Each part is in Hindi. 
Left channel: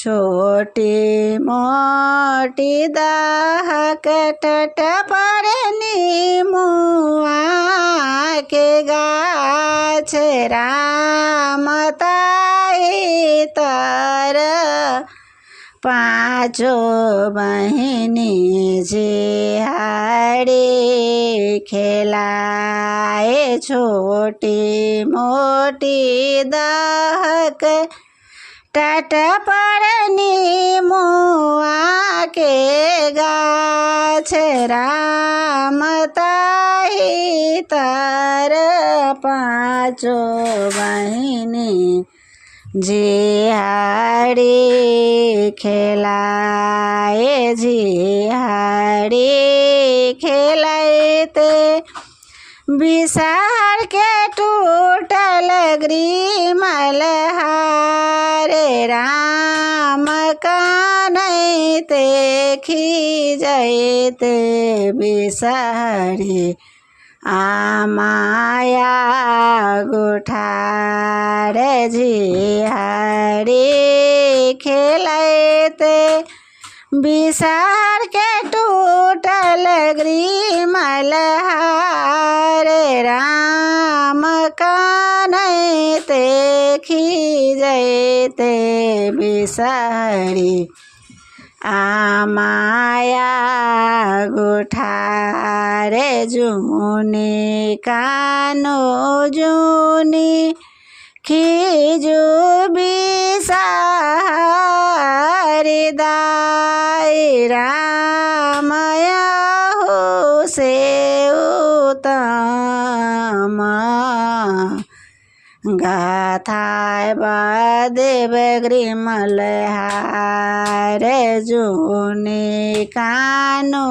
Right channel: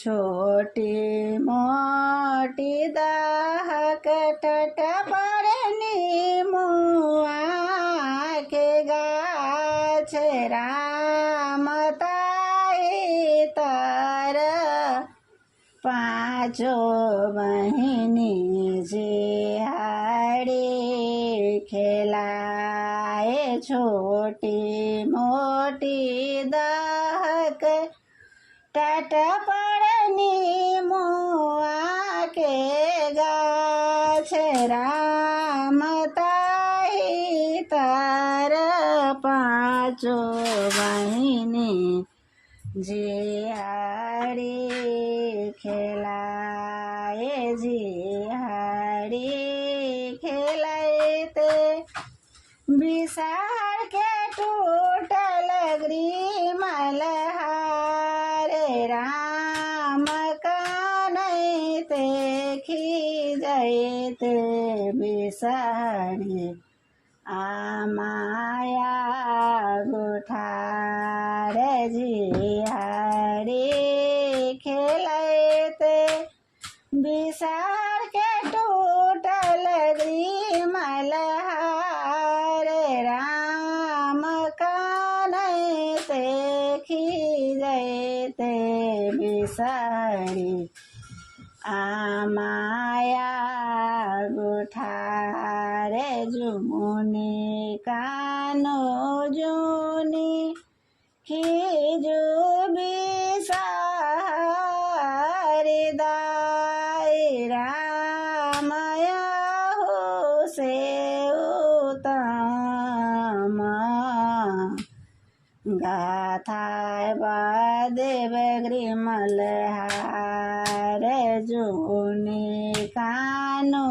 छोटी मोटी दाहक टट परनी मुआ के गाछ राम ताई तर पाँचो बहिनी जिहाडी खेलाए छोटी मोटी दाहक टट परनी मुआ के गाछ राम ताई तर पाँचो बहिनी जिहाडी खेलाए जिहाडी खेलाइते बिसार के टूटल ग्रीमल हारे राम कानैते खिजैते बिसारी आमाया गुठार जिहाडी खेलाइते बिसार के टूटल ग्रीमल हारे राम कानैते खिजैते बिसारी आमाया गुठार जुनी कानो जुनी खिजु बिसारी दाई रामया हो से उत्तम गाथाय बदेव ग्रीमल हार जुनी कानो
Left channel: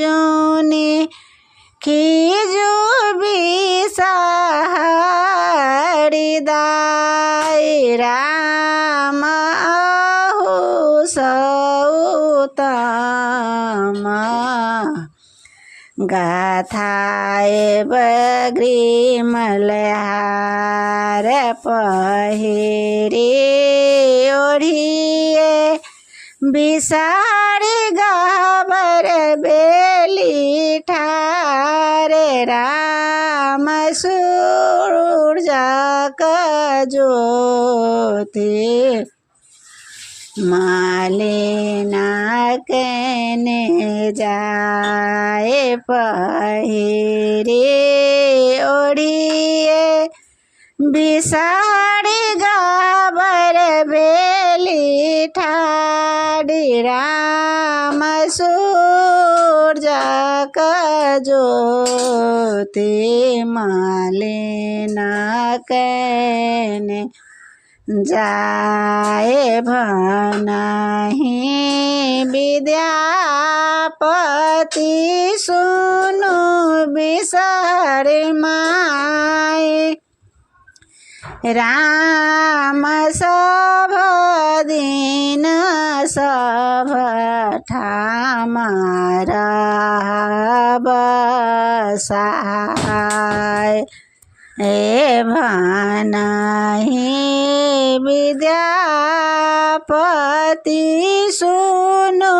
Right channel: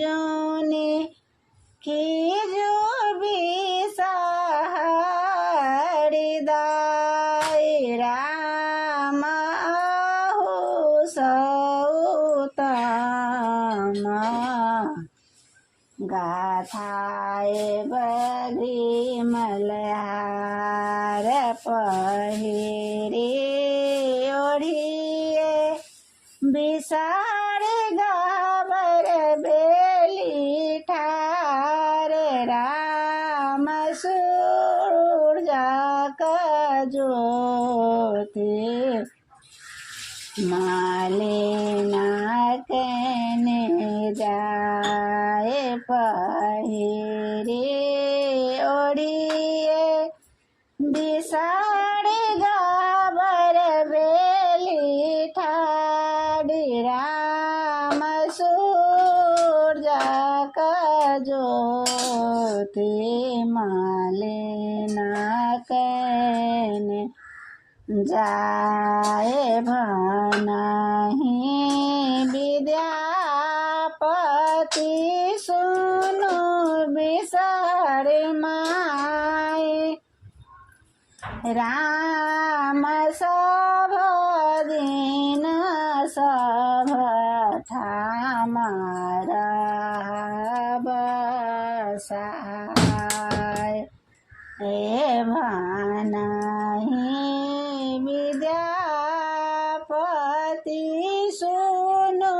जुनी खिजु बिसारी दाई राम अहो सौतम गाथाय ग्रीमल हार पहिरे ओढ़िए बिसारी गाबर बेली ठारे राम सूरजा का ज्योति मालिना कहने जाए पहिरे ओढ़िए बिसारी गाबर बेली ठाडी राम सूरजा का ज्योति मालिना कहने जाए भनाही विद्यापति सुनु बिसर माए राम सब दिन सब ठाम बसाय ए भनाही विद्यापति सुनु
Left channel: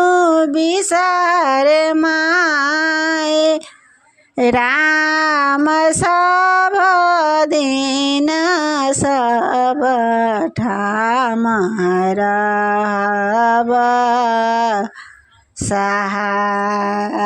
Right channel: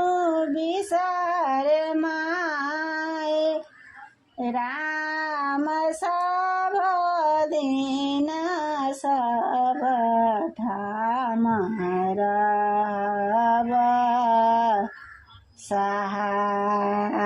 बिसर माए राम सब दिन सब ठाम बसाय।